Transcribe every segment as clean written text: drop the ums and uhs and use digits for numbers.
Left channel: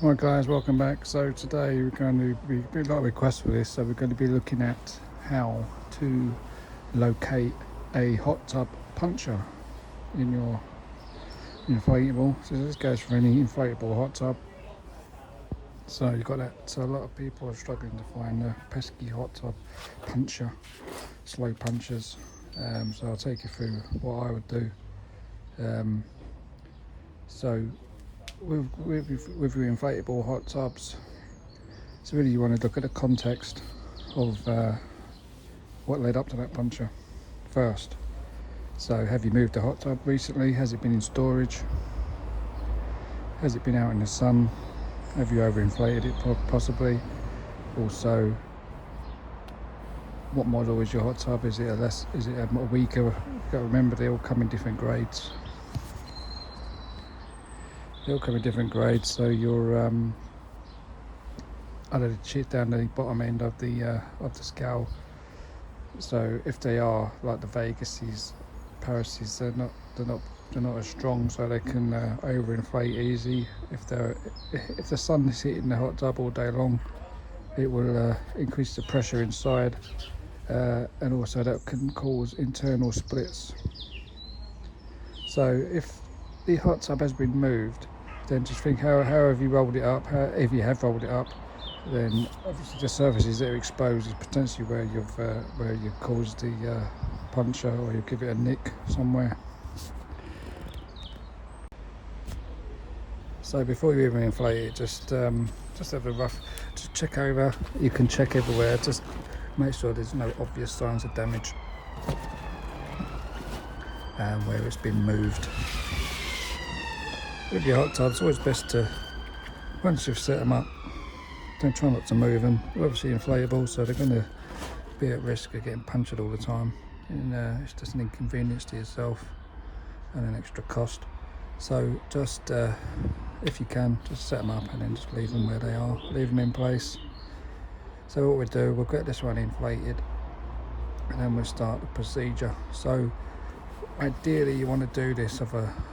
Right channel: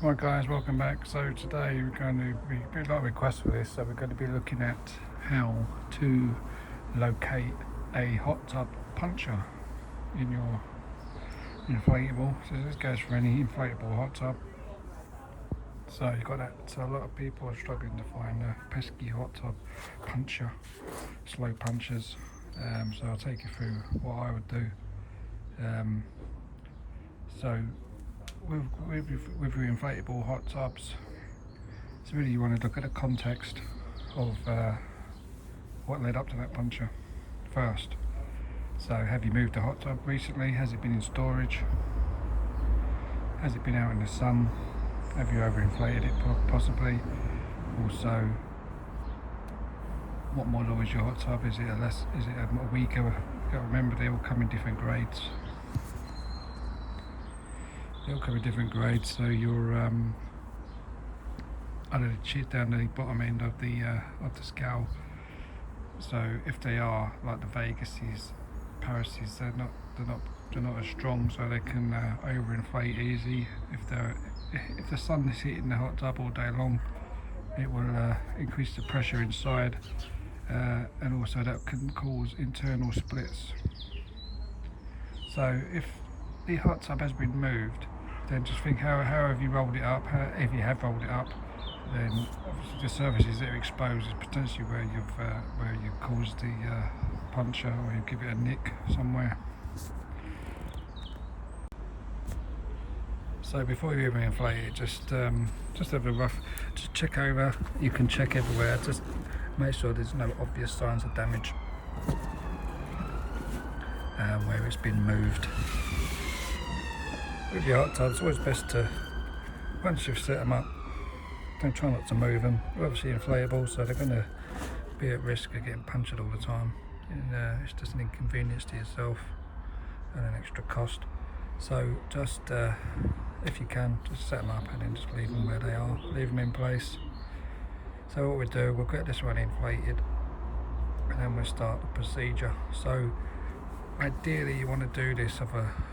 Hi guys, welcome back. So today we're going to be a lot of requests for this, so we're going to be looking at how to locate a hot tub puncture in your inflatable. So this goes for any inflatable hot tub. So you've got that. So a lot of people are struggling to find the pesky hot tub puncture, slow punctures. So I'll take you through what I would do. So with your inflatable hot tubs, so really you want to look at the context of what led up to that puncture first. So have you moved the hot tub recently? Has it been in storage? Has it been out in the sun? Have you overinflated it possibly? Also, what model is your hot tub? Is it a weaker? You've got to remember they all come in different grades. They all come in different grades, so you're under the chip down the bottom end of the scale. So if they are like the Vegases, Parises, they're not as strong, so they can overinflate easy. If the sun is hitting the hot tub all day long, it will increase the pressure inside, and also that can cause internal splits. So if the hot tub has been moved, then just think how have you rolled it up. If you have rolled it up, then obviously the surfaces that are exposed is potentially where you've caused the puncture, or you give it a nick somewhere. So before you even inflate it, just have a rough, just check over. You can check everywhere, just make sure there's no obvious signs of damage where it's been moved. With your hot tubs, it's always best to, once you've set them up, don't try not to move them. They're obviously inflatable, so they're going to be at risk of getting punctured all the time, and it's just an inconvenience to yourself and an extra cost. So just if you can, just set them up and then just leave them where they are, leave them in place. So what we'll do, we'll get this one inflated and then we'll start the procedure. So ideally you want to do this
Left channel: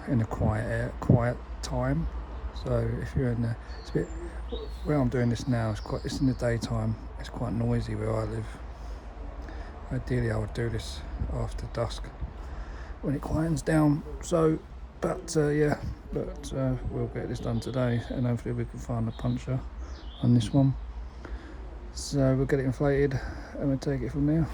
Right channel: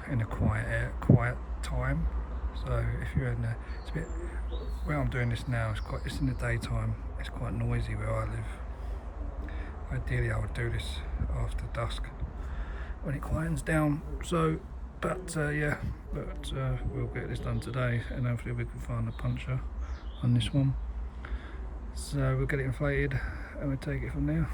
in a quiet time. So if you're in the, where I'm doing this now, it's in the daytime, it's quite noisy where I live. Ideally I would do this after dusk when it quiets down. So we'll get this done today, and hopefully we can find a puncture on this one. So we'll get it inflated and we'll take it from there.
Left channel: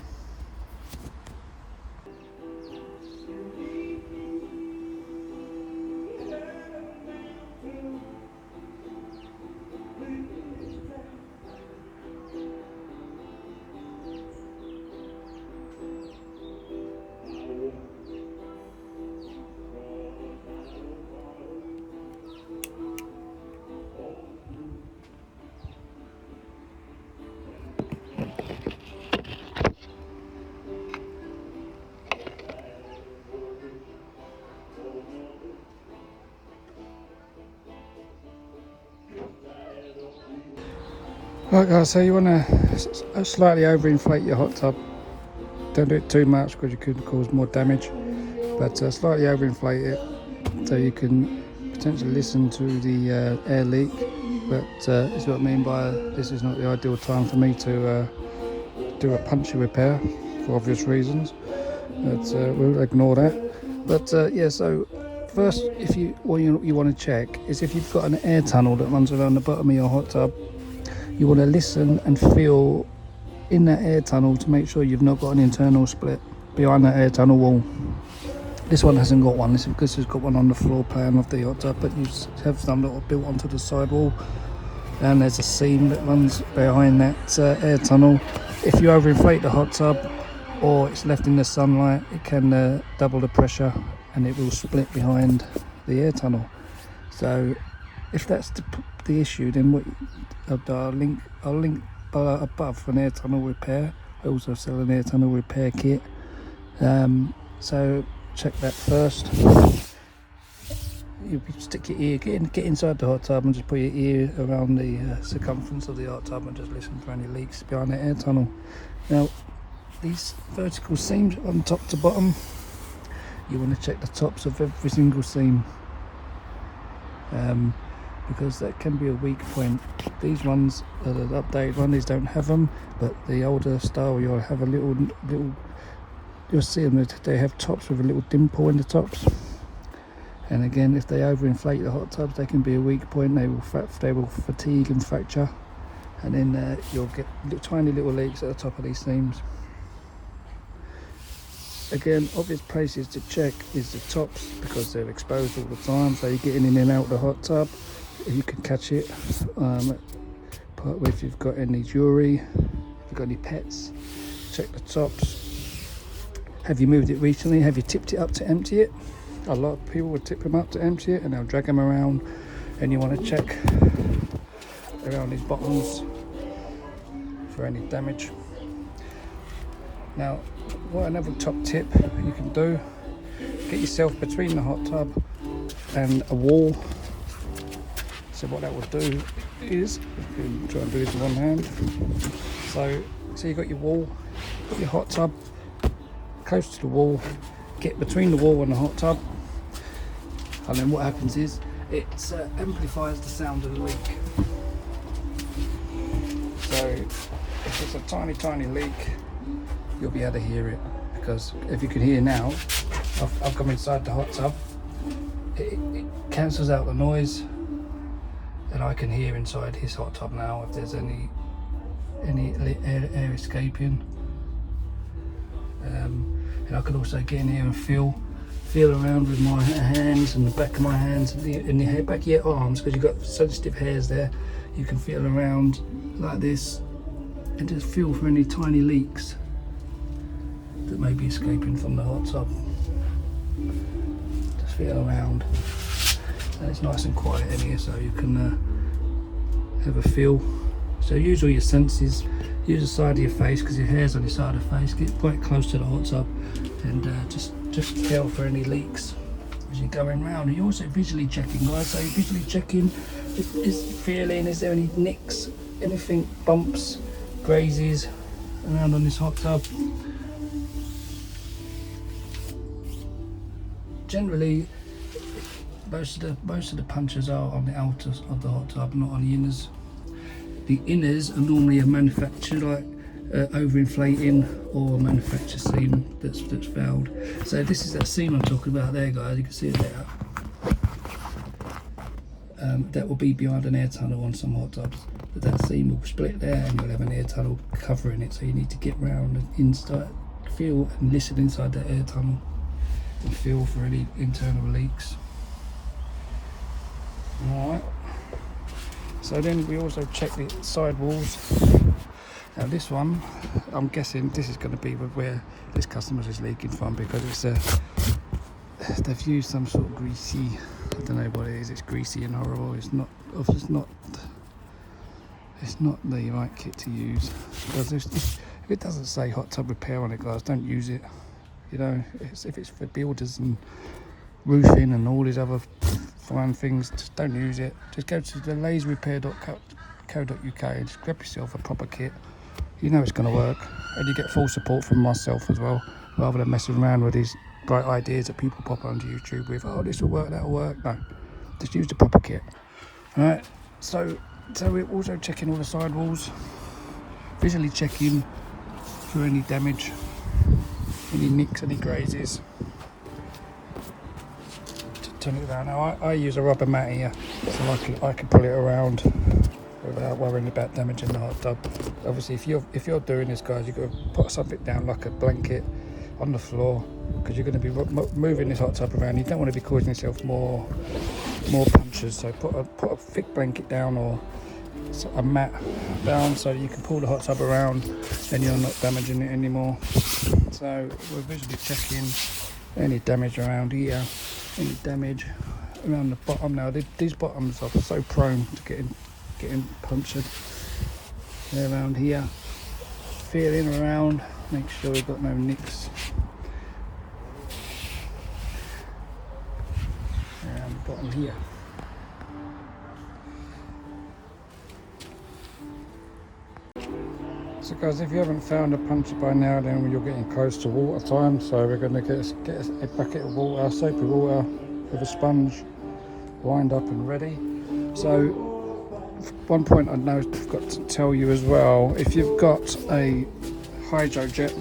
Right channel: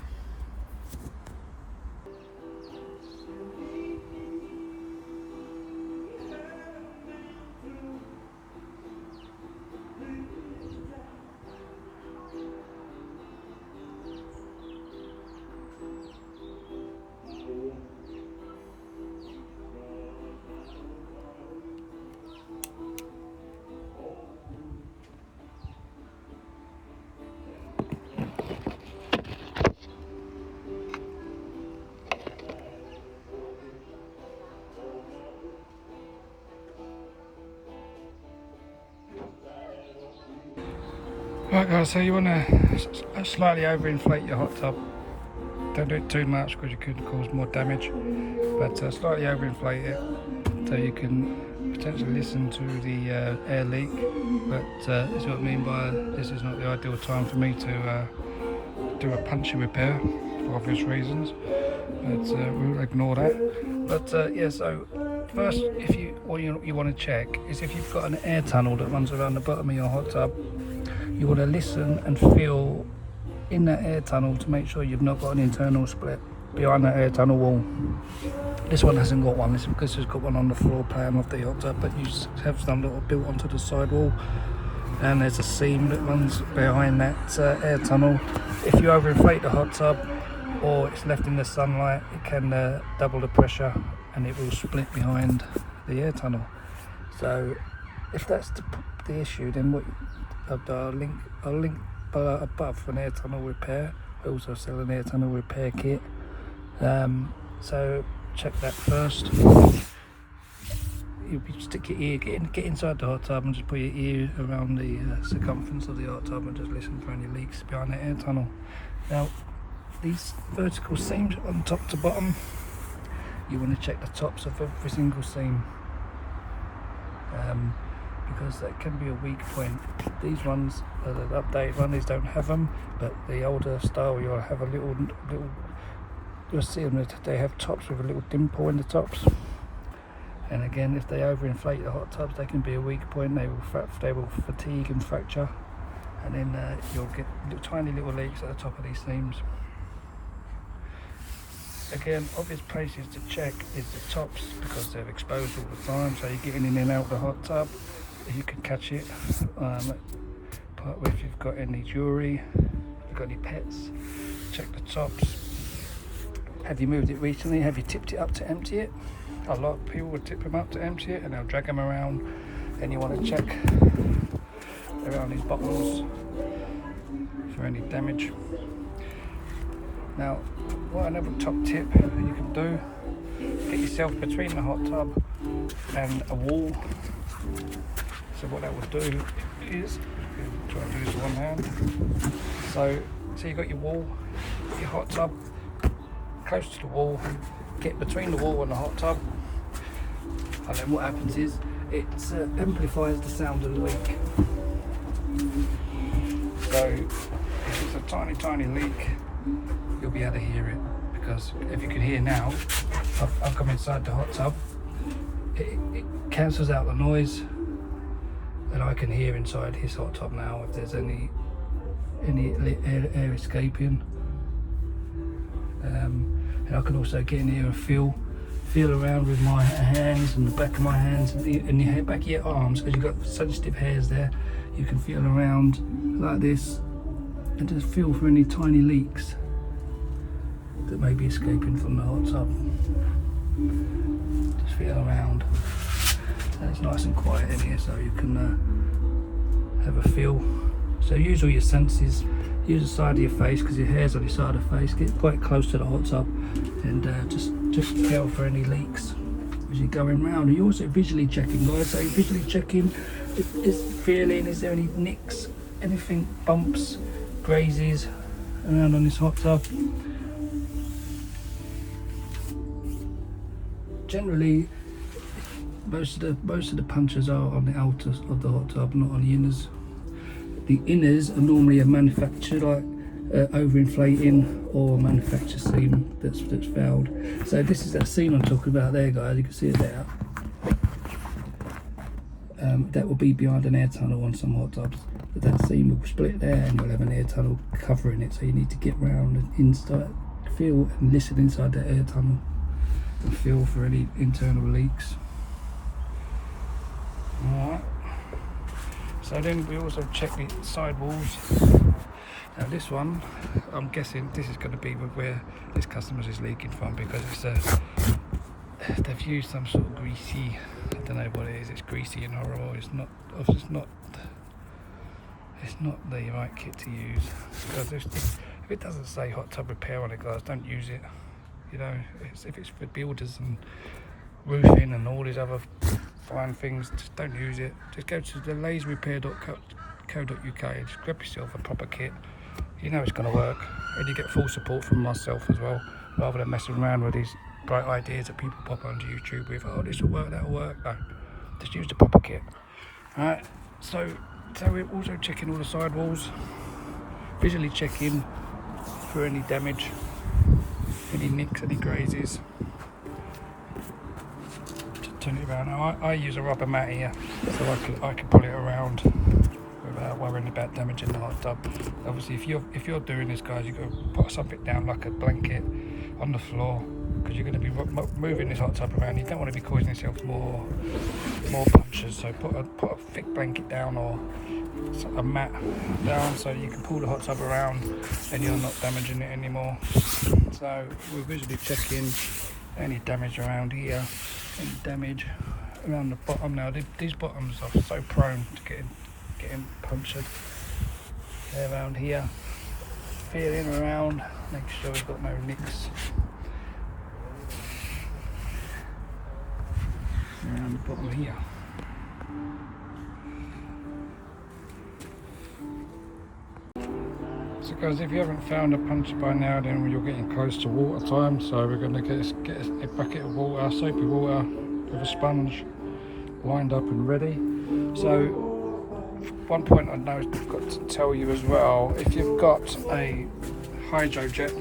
Right guys, so you want to slightly overinflate your hot tub. Don't do it too much because you could cause more damage, but slightly overinflate it so you can potentially listen to the air leak. But that's what I mean by this is not the ideal time for me to do a puncture repair for obvious reasons, but we'll ignore that. But so first, what you want to check is if you've got an air tunnel that runs around the bottom of your hot tub. You want to listen and feel in that air tunnel to make sure you've not got an internal split behind that air tunnel wall. This one hasn't got one. This has got one on the floor plan of the hot tub, but you just have some little built onto the side wall, and there's a seam that runs behind that air tunnel. If you overinflate the hot tub or it's left in the sunlight, it can double the pressure and it will split behind the air tunnel. So if that's the issue, then I'll link above an air tunnel repair. I also sell an air tunnel repair kit. So check that first. You stick your ear, get inside the hot tub and just put your ear around the circumference of the hot tub and just listen for any leaks behind the air tunnel. Now, these vertical seams on top to bottom, you want to check the tops of every single seam. because that can be a weak point. These ones, the updated one, these don't have them, but the older style you'll have a little, you'll see them, they have tops with a little dimple in the tops. And again, if they overinflate the hot tubs, they can be a weak point. They will fatigue and fracture, and then you'll get tiny little leaks at the top of these seams. Again, obvious places to check is the tops, because they're exposed all the time, so you're getting in and out the hot tub, you can catch it. But if you've got any jewellery, if you've got any pets, check the tops. Have you moved it recently? Have you tipped it up to empty it? A lot of people will tip them up to empty it and they'll drag them around, and you want to check around these bottoms for any damage. Now, what another top tip you can do, get yourself between the hot tub and a wall. So what that will do is, try and do this with one hand. So you've got your wall, your hot tub, close to the wall, get between the wall and the hot tub, and then what happens is it amplifies the sound of the leak. So if it's a tiny leak, you'll be able to hear it, because if you can hear now, I've come inside the hot tub, it cancels out the noise, and I can hear inside his hot tub now if there's any air escaping. And I can also get in here and feel around with my hands and the back of my hands and the back of your arms, because you've got sensitive hairs there. You can feel around like this and just feel for any tiny leaks that may be escaping from the hot tub. Just feel around. And it's nice and quiet in here, so you can have a feel. So use all your senses. Use the side of your face, because your hair's on the side of the face. Get quite close to the hot tub and just feel for any leaks as you're going round. You're also visually checking. When I say visually checking, is feeling, is there any nicks, anything, bumps, grazes around on this hot tub. Generally, most of the punctures are on the outers of the hot tub, not on the inners. The inners are normally a manufactured, like overinflating, or a manufactured seam that's failed. So this is that seam I'm talking about there, guys. You can see it there. That will be behind an air tunnel on some hot tubs. But that seam will split there, and you'll have an air tunnel covering it. So you need to get round and inside, feel and listen inside that air tunnel, and feel for any internal leaks. All right. So then we also check the side walls. Now this one, I'm guessing this is going to be where this customer's is leaking from, because they've used some sort of greasy, I don't know what it is. It's greasy and horrible. It's not the right kit to use. If it doesn't say hot tub repair on it, guys, don't use it. You know, if it's for builders and roofing and all these other fine things, just don't use it. Just go to the layzrepair.co.uk and just grab yourself a proper kit. You know it's going to work, and you get full support from myself as well, rather than messing around with these bright ideas that people pop onto YouTube with. Oh, this will work, that'll work. No, just use the proper kit. Right. So we're also checking all the side walls, visually checking for any damage, any nicks, any grazes. Turn it around. Now I use a rubber mat here, so I can pull it around without worrying about damaging the hot tub. Obviously, if you're doing this, guys, you've got to put something down like a blanket on the floor, because you're going to be moving this hot tub around. You don't want to be causing yourself more punctures. So put a thick blanket down or a mat down, so you can pull the hot tub around and you're not damaging it anymore. So we're visually checking any damage around here. Any damage around the bottom. Now these bottoms are so prone to getting punctured. They're around here, feeling around, make sure we've got no nicks around the bottom here. So guys, if you haven't found a puncture by now, then you're getting close to water time. So we're going to get a bucket of water, soapy water with a sponge, lined up and ready. So one point I know I've got to tell you as well, if you've got a hydrojet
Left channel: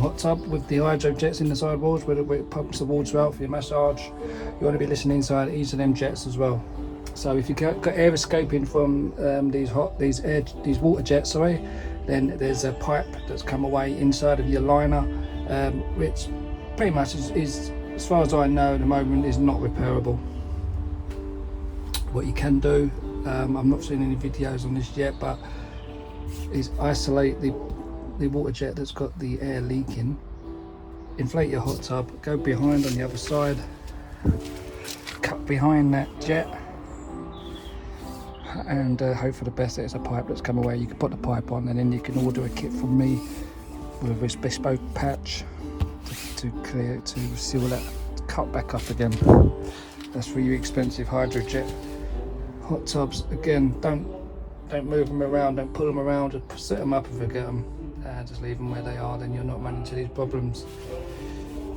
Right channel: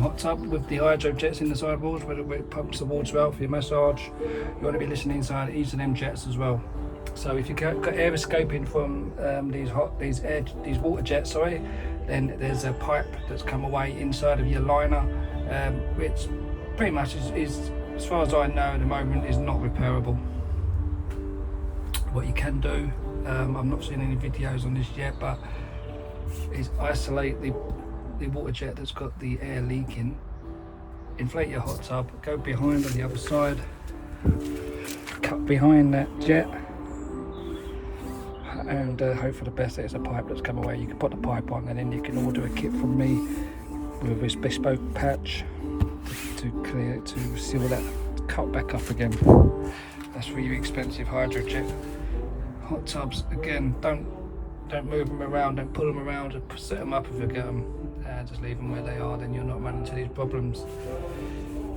hot tub with the hydro jets in the sidewalls where it pumps the water out for your massage, you want to be listening inside each of them jets as well. So if you've got air escaping from these water jets, then there's a pipe that's come away inside of your liner, which pretty much is, as far as I know at the moment, is not repairable. What you can do, I've not seen any videos on this yet, but is isolate the water jet that's got the air leaking, inflate your hot tub, go behind on the other side, cut behind that jet, and hope for the best that it's a pipe that's come away. You can put the pipe on, and then you can order a kit from me with this bespoke patch to seal that cut back up again. That's for your expensive hydrojet hot tubs. Again, don't move them around, don't pull them around, just set them up and forget them. Just leave them where they are, then you're not running into these problems.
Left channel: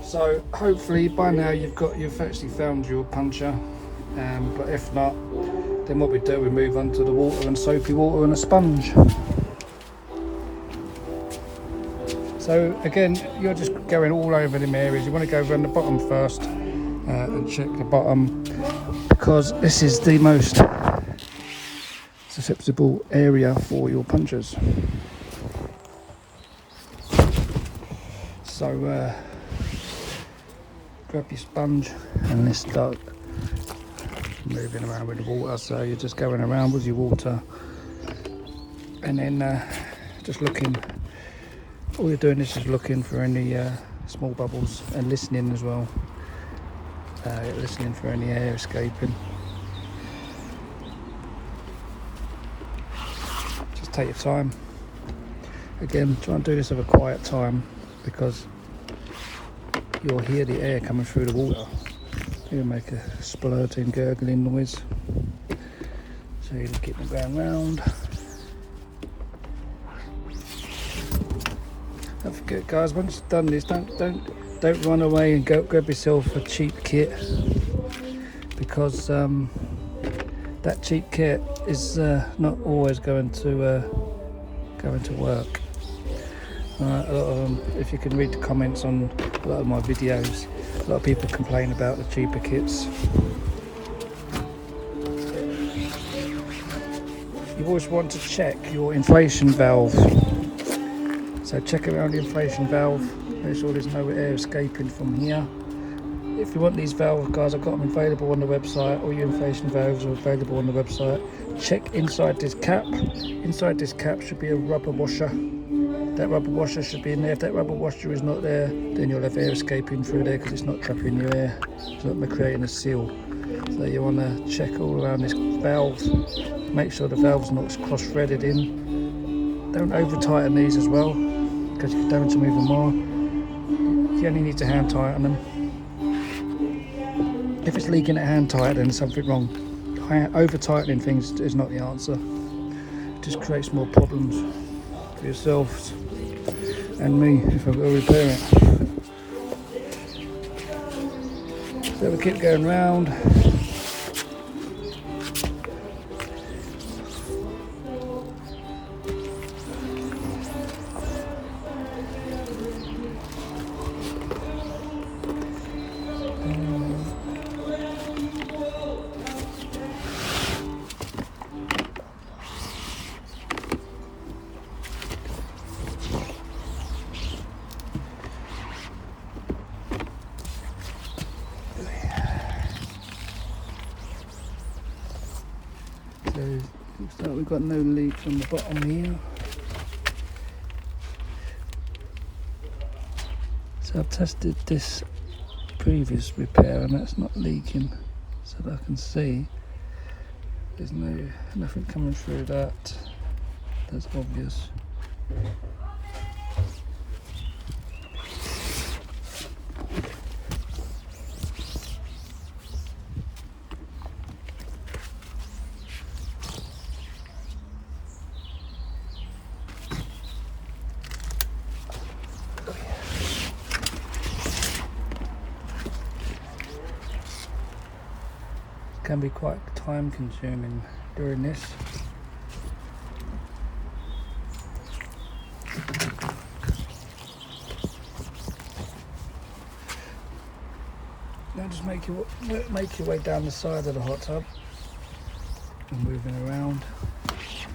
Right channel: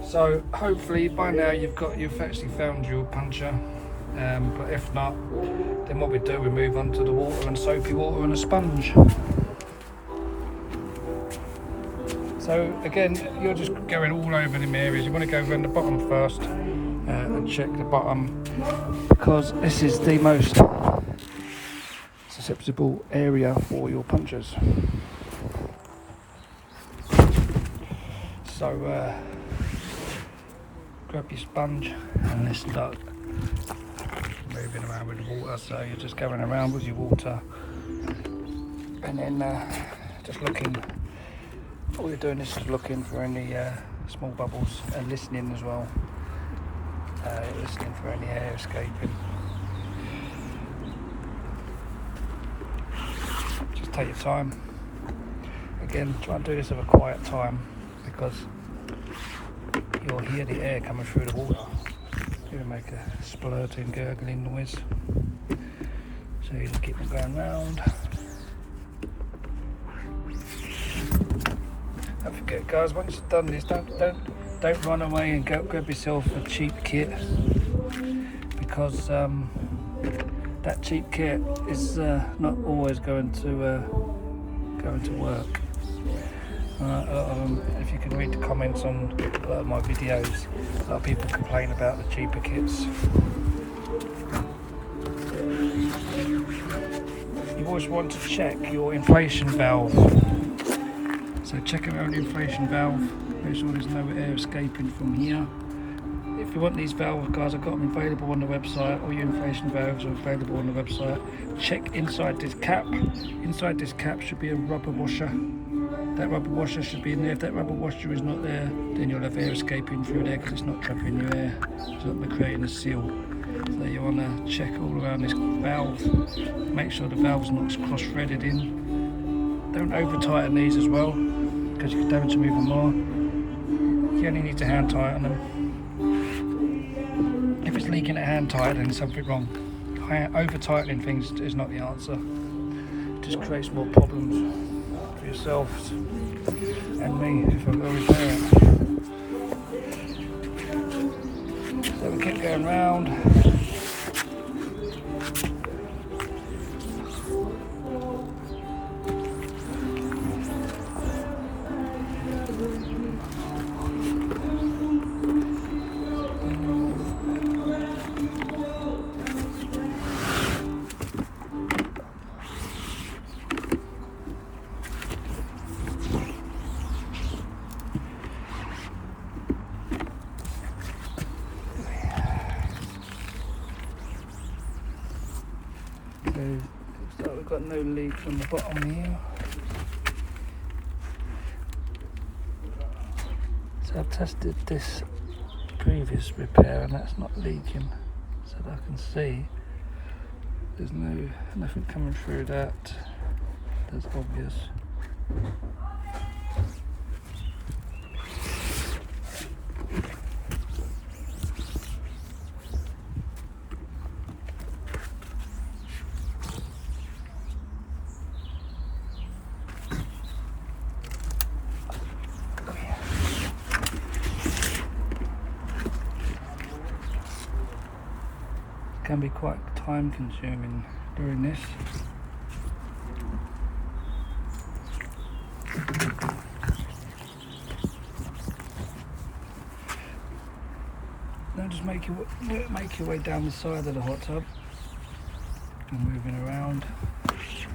So hopefully by now you've actually found your puncher, but if not, then what we do, we move on to the water and soapy water and a sponge. So again, you're just going all over them areas. You want to go around the bottom first and check the bottom, because this is the most susceptible area for your punctures. So grab your sponge and let's start moving around with the water. So you're just going around with your water, and then just looking, all you're doing is just looking for any small bubbles and listening as well, listening for any air escaping. Just take your time. Again, try and do this at a quiet time, because you'll hear the air coming through the water. It'll make a splurting, gurgling noise. So you just keep them going round. Don't forget, guys, once you've done this, don't run away and go grab yourself a cheap kit, because that cheap kit is not always going to work. If you can read the comments on a lot of my videos, a lot of people complain about the cheaper kits. You always want to check your inflation valve. So check around the inflation valve, make sure there's no air escaping from here. If you want these valves, guys, I've got them available on the website. All your inflation valves are available on the website. Check inside this cap. Inside this cap should be a rubber washer. That rubber washer should be in there. If that rubber washer is not there, then you'll have air escaping through there, because it's not trapping your air, so it'll be creating a seal. So you want to check all around this valve, make sure the valve's not cross-threaded in. Don't over tighten these as well, because you can damage them even more. You only need to hand tighten them. If it's leaking at hand tight, then there's something wrong. Over tightening things is not the answer. It just creates more problems for yourselves and me if I'm going to repair it. So we'll keep going round. Looks like we've got no leak on the bottom here. So I've tested this previous repair and that's not leaking, so that I can see there's nothing coming through that. That's obvious. Can be quite time consuming doing this. Now just make your way down the side of the hot tub and moving around, just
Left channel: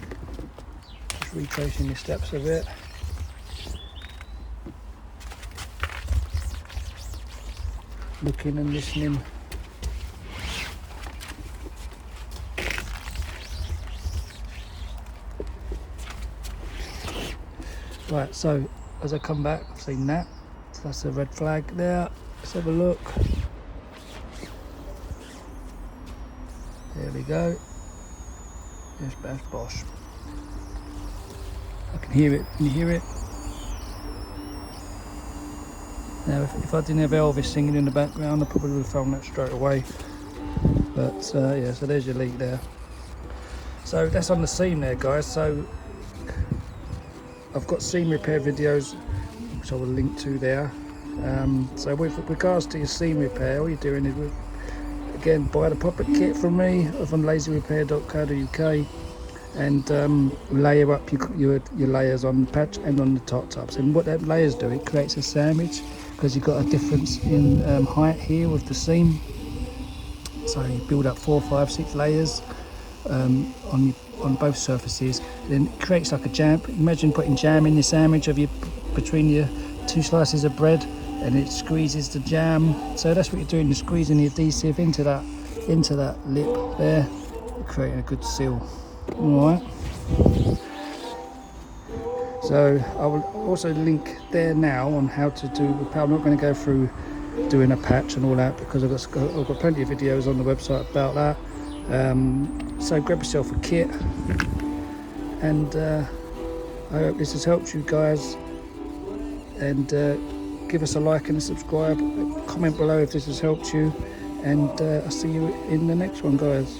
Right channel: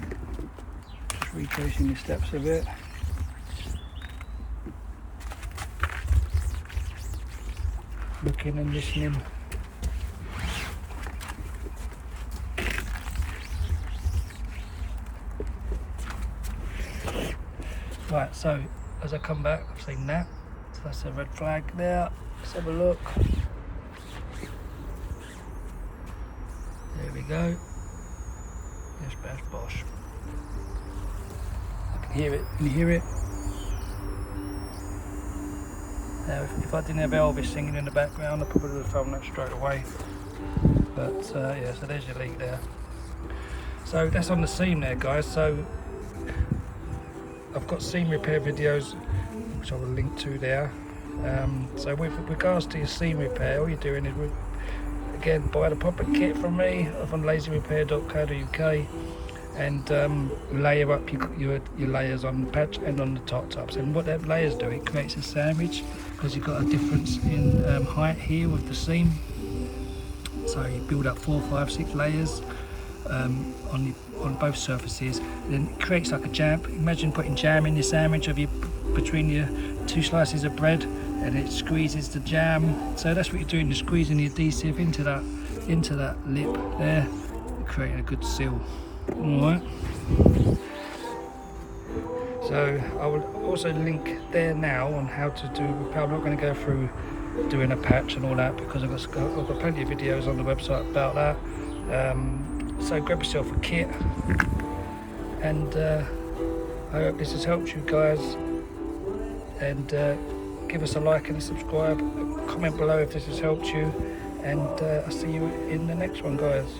retracing your steps a bit. Looking and listening. Right, so as I come back, I've seen that. So that's a red flag there. Let's have a look. There we go. Yes, that's Bosch. I can hear it. Can you hear it? Now, if I didn't have Elvis singing in the background, I probably would have found that straight away. But yeah, so there's your leak there. So that's on the seam there, guys. So I've got seam repair videos, which I will link to there. So with regards to your seam repair, all you're doing is, again, buy the proper kit from me or from layzrepair.co.uk, and layer up your layers on the patch and on the top tubs. And what that layers do, it creates a sandwich, because you've got a difference in height here with the seam. So you build up 4, 5, 6 layers on both surfaces, then it creates like a jam. Imagine putting jam in your sandwich between your 2 slices of bread, and it squeezes the jam. So that's what you're doing, you're squeezing the adhesive into that lip there, creating a good seal. Alright, so I will also link there now on how to do repair. I'm not going to go through doing a patch and all that, because I've got plenty of videos on the website about that. So grab yourself a kit, and I hope this has helped you guys, and give us a like and a subscribe, comment below if this has helped you, and I'll see you in the next one, guys.